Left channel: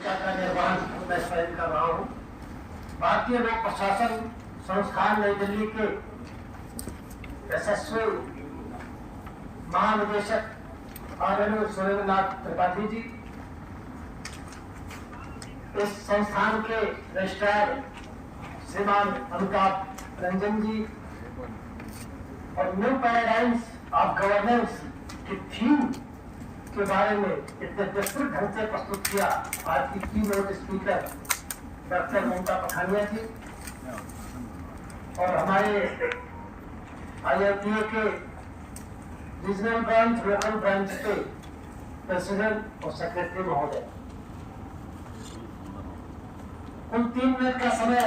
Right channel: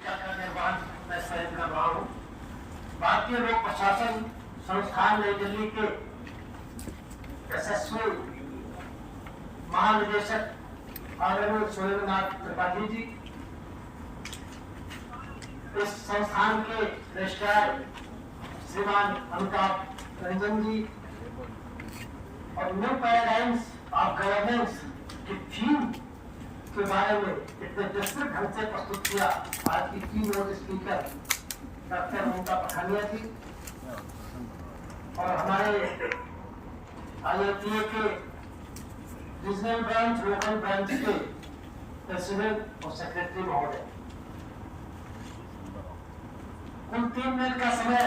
भूमिका का निर्वहन मैं स्वयं कर रहा हूँ। भारतीय लोक प्रशासन संस्थान नई दिल्ली के यशस्वी महानिदेशक आदरणीय सुरेंद्रनाथ त्रिपाठी जी, इस संस्थान के रजिस्ट्रार श्रीमान अमिताभ रंजन जी और न्यू पैराडाइम्स ऑफ गवर्नेंस की थीम के बारे में इतने विस्तृत ढंग से प्रस्तुत किया आज की कीनोट स्पीकर डॉक्टर ममता पठानिया जी और हमारे IITA के रीजनल ब्रांच लोकल ब्रांच के प्रेसिडेंट और सेक्रेटरी महोदय। कुल 3 मिनट का समय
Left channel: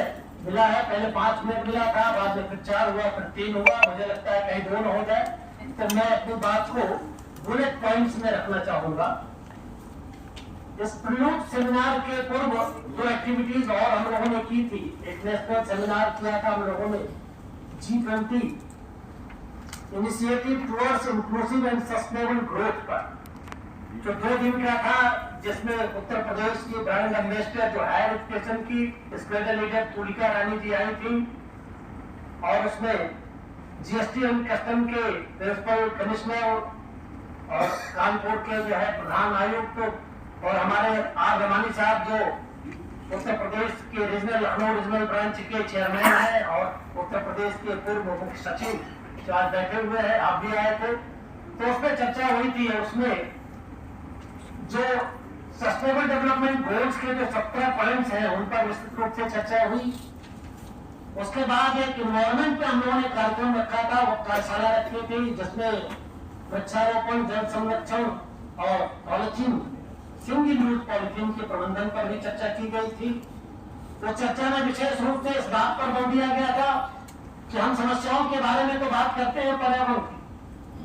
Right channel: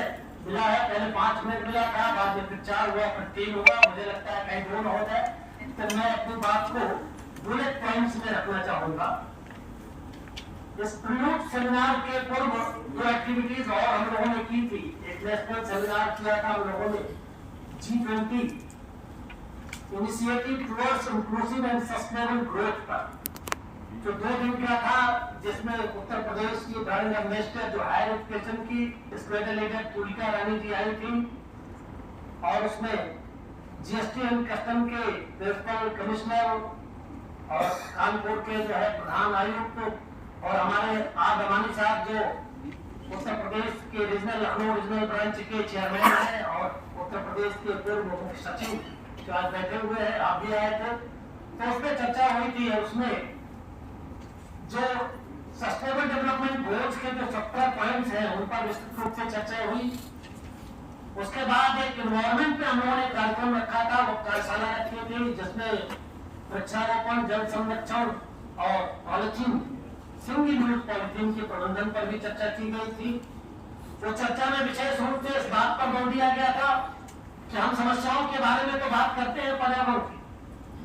मिला है, पहले 5 मिनट मिला था, बाद में फिर 4 हुआ, फिर 3 हुआ, मुझे लगता है कहीं 2 हो जाए, तो मैं अपनी बात को बुलेट पॉइंट्स में रखना चाहूंगा। इस प्रीलूड सेमिनार के पूर्व जो एक्टिविटीज और हम लोगों ने की थी, एक नेशनल सेमिनार किया था हम लोगों ने G20 initiative towards inclusive and sustainable growth पर, जो 2 दिन का था, जिसमें उत्तर प्रदेश की ब्रांड एम्बेसडर जो हायर एजुकेशन की स्क्वाडर लीडर तुलिका रानी जी आई थी और उसमें GST एंड कस्टम के प्रिंसिपल कमिश्नर और कानपुर के जो है प्रधान आयुक्त और हमारे आर रमानी साहब जो उत्तर प्रदेश के रीजनल लखनऊ रीजनल ब्रांच के चेयरमैन हैं और उत्तर प्रदेश के पूर्व मुख्य सचिव जो आज बैठे हुए हैं, आप भी आए थे, तो उसमें चर्चा हुई थी। उसमें जो सस्टेनेबल डेवलपमेंट गोल्स के जो 17 पॉइंट्स हैं उन पर विस्तृत रूप से चर्चा हुई। उसके बाद एक इन्वायरमेंट पे हम लोगों ने कार्यक्रम रखा था, वो कार्यशाला रखी थी, जिसमें वृक्षारोपण, जल संरक्षण और पॉलिथीन, सिंगल यूज पॉलिथीन के प्रबंधन पर भी चर्चा की गई थी। तो चर्चा में विशेष रूप से इस बात पर बल दिया गया था कि हम समस्याओं के बारे में तो बात करते हैं पर्यावरण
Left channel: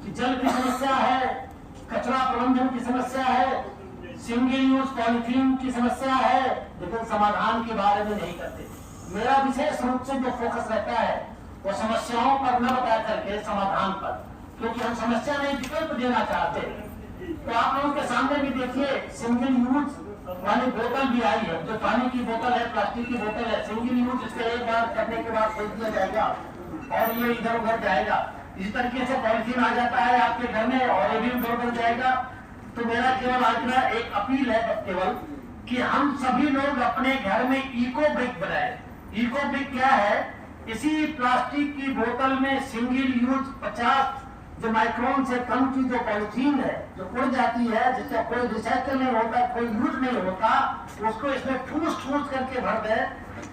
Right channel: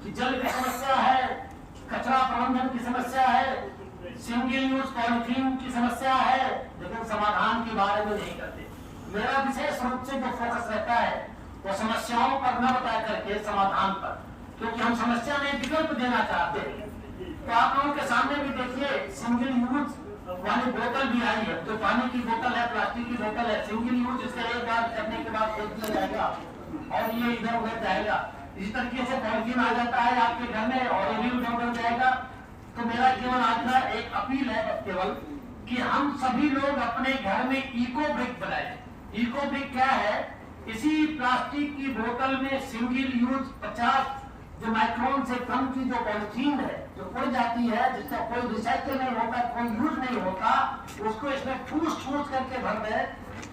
की, जल की समस्या है, कचरा प्रबंधन की समस्या है, सिंगल यूज पॉलिथीन की समस्या है, लेकिन समाधान के बारे में नहीं करते। मेरा विशेष रूप से जो फोकस रहता है वो समस्याओं पर न बता करके समाधान पर, क्योंकि हम समस्या में विकल्प देना चाहते हैं। तो आप लोगों के सामने भी देखिए, सिंगल यूज वाली बोतल भी आई है, जो पानी की बोतल है, प्लास्टिक की बोतल है, सिंगल यूज, इसे एक बार करने के बाद फेंक दिया जाएगा और ये इधर उधर जाएगा। इसी तरीके से पॉलिथीन आ जाता है आपके घर में और ये भी उधर उधर जाएगा। तो मेरा केवल आज का एक अपील है केवल कि हम सभी लोग अपने घर में इको ब्रिक बनाए। इको ब्रिक क्या है? इसी प्लास्टिक की बोतल में सिंगल यूज 50 जो माइक्रोन से कम की जो पॉलिथीन है, जो उड़ जाती है, जिसका कोई रिसाइकल नहीं होता, कोई यूज नहीं होता, उसको इसमें ठूस करके भर दे,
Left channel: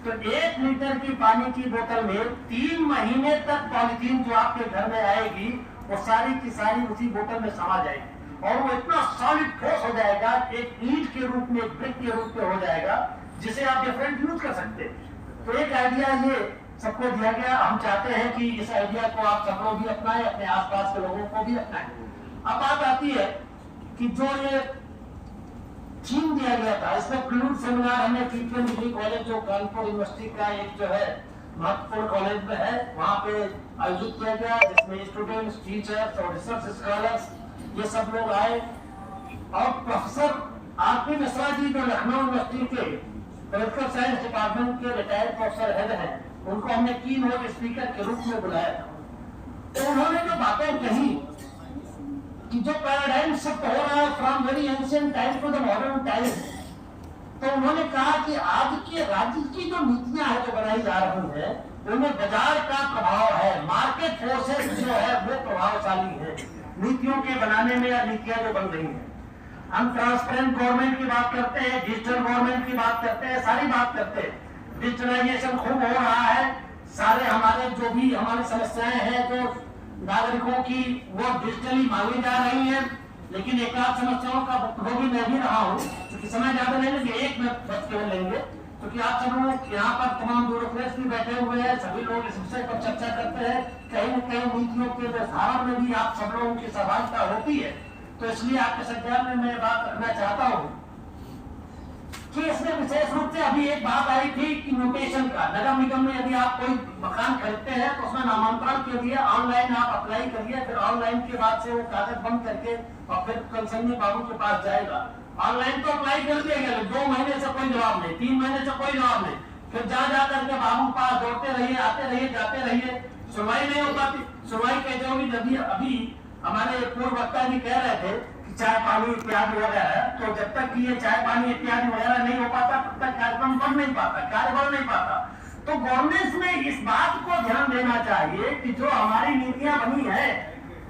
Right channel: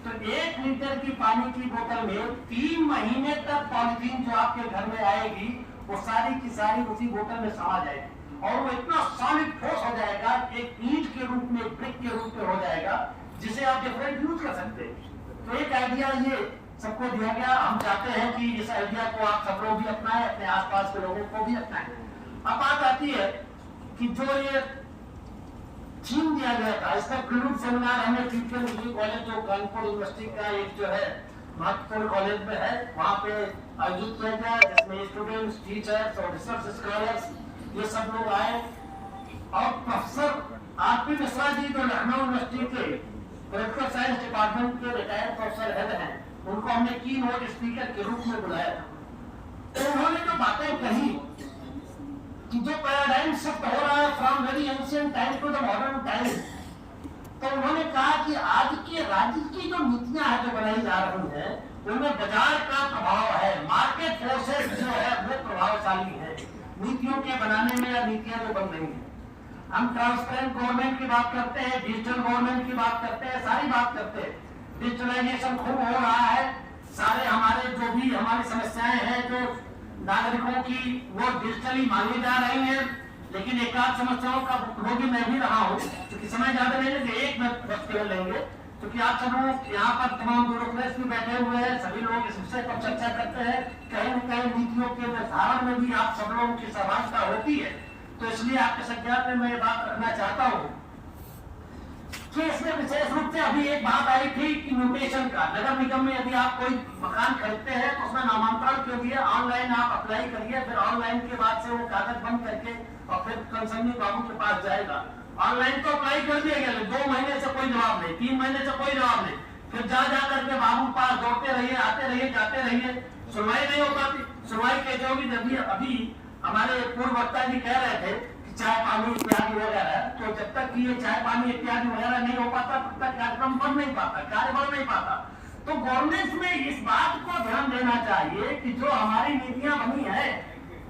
तो 1 लीटर की पानी की बोतल में 3 महीने तक पॉलिथीन जो आपके घर में आएगी वो सारी की सारी उसी बोतल में समा जाएगी और वो इतना सॉलिड ठोस हो जाएगा, एक ईंट के रूप में, एक ब्रिक के रूप में हो जाएगा, जिसे आप डिफरेंट यूज कर सकते हैं। तो एक आइडिया ये सबको दिया गया। हम चाहते हैं कि इस आइडिया को आप सब लोग भी अपनाएं, अपने आसपास के लोगों को भी अपनाएं। अब बात आती है कि जो ये थीम दिया गया था, इसमें प्रीलूड सेमिनार हमने TPM डिग्री कॉलेज जो कानपुर यूनिवर्सिटी का एक जो है महत्वपूर्ण कॉलेज में है, वहाँ पे आयोजित किया गया, जिसमें स्टूडेंट्स, टीचर्स और रिसर्च स्कॉलर्स ये सब लोग आए और प्रोफेसर RP मिश्रा जी जो लखनऊ यूनिवर्सिटी के पॉलिटिकल साइंस डिपार्टमेंट के रिटायर्ड प्रोफेसर हेड हैं, उनको हमने कीनोट स्पीकर के रूप में बुलाया था। तो उन्होंने जो बातें कही कि जो पैराडाइम शिफ्ट हो रहा है from very ancient time to the modern time, तो उन्होंने कहा कि आज के राज्य की जो नीतियां हैं जो बनाई जा रही हैं, उनमें बाजार का प्रभाव है, मार्केट फोर्सेस जो है वो प्रभावशाली है नीतियों के बनाने में या नीतियां जो बन रही हैं। हम ट्रांसपेरेंट गवर्नमेंट की बात करते हैं, डिजिटल गवर्नमेंट की बात करते हैं, सारी बात करते हैं। डिजिटलाइजेशन खूब हो रहा है, सारे हमारे जो भी हमारी समस्याएं हैं जो नागरिकों की वो डिजिटली मांगी जा रही हैं, लेकिन एक आध समस्याओं का वो भी मैं भी रहा हूँ, क्योंकि समय ज्यादा नहीं लेंगे, 1 मिनट केवल लेंगे, क्योंकि आप सब लोग यहाँ पर तमाम ब्यूरोक्रेट्स भी बैठे हुए हैं, सभी लोग इस विषय पर चर्चा करते हैं, कहीं न कहीं नीतियों के निर्धारण में भी आप सब लोगों की सहभागिता होती है। तो इसलिए आपके संज्ञान में मैं बात रखना चाहता हूँ कि इसमें विशेष रूप से अभी एक बात आई थी कि म्यूटेशन का। नगर निगम में यदि आप कोई मकान खरीदते हैं तो उसमें नामांतरण के लिए ऑनलाइन आप अप्लाई करिए, फिर ऑनलाइन के बाद से वो कागज बंद करके और फिर कंसर्नी बाबू के पास जाएगा। ऑनलाइन तो अप्लाई कर दिया गया, 2 महीने से जवाब नहीं, 3 महीने से कोई जवाब नहीं। फिर जा करके बाबू पास दौड़ते रहिए, आते रहिए, जाते रहिए, सुनवाई नहीं हो पाती। सुनवाई कैसे होगी? जब अभी हमारे पूर्व वक्ता जी कह रहे थे कि चाय पानी इत्यादि वगैरह, तो जब तक ये चाय पानी इत्यादि वगैरह नहीं हो पाता तब तक कार्यक्रम बढ़ नहीं पाता, कार्य बढ़ नहीं पाता। तो गवर्नमेंट में इस बात को ध्यान देना चाहिए कि जो हमारी नीतियां बनी है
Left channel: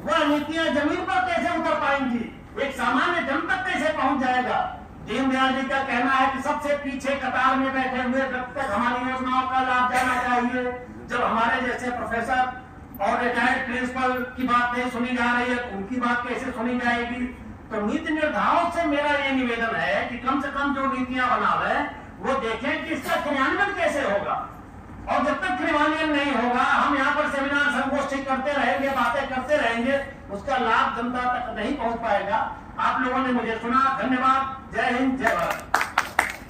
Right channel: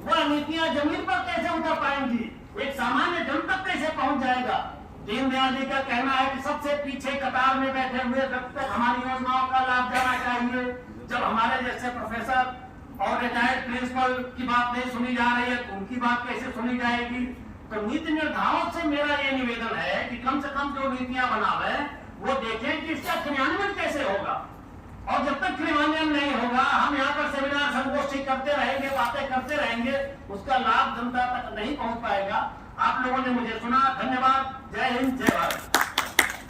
वह नीतियां जमीन पर कैसे उतर पाएंगी, एक सामान्य जन तक कैसे पहुंच जाएगा। दीनदयाल जी का कहना है कि सबसे पीछे कतार में बैठे हुए व्यक्ति तक हमारी योजनाओं का लाभ जाना चाहिए। जब हमारे जैसे प्रोफेसर और रिटायर्ड प्रिंसिपल की बात नहीं सुनी जा रही है तो उनकी बात कैसे सुनी जाएगी। तो नीति निर्धारक से मेरा ये निवेदन है कि कम से कम जो नीतियां बनावे वो देखें कि इसका क्रियान्वयन कैसे होगा। और जब तक क्रियान्वयन नहीं होगा, हम यहाँ पर सेमिनार संगोष्ठी करते रहेंगे, बातें करते रहेंगे, उसका लाभ जनता तक नहीं पहुंच पाएगा। आप लोगों ने मुझे सुना, धन्यवाद। जय हिंद, जय भारत।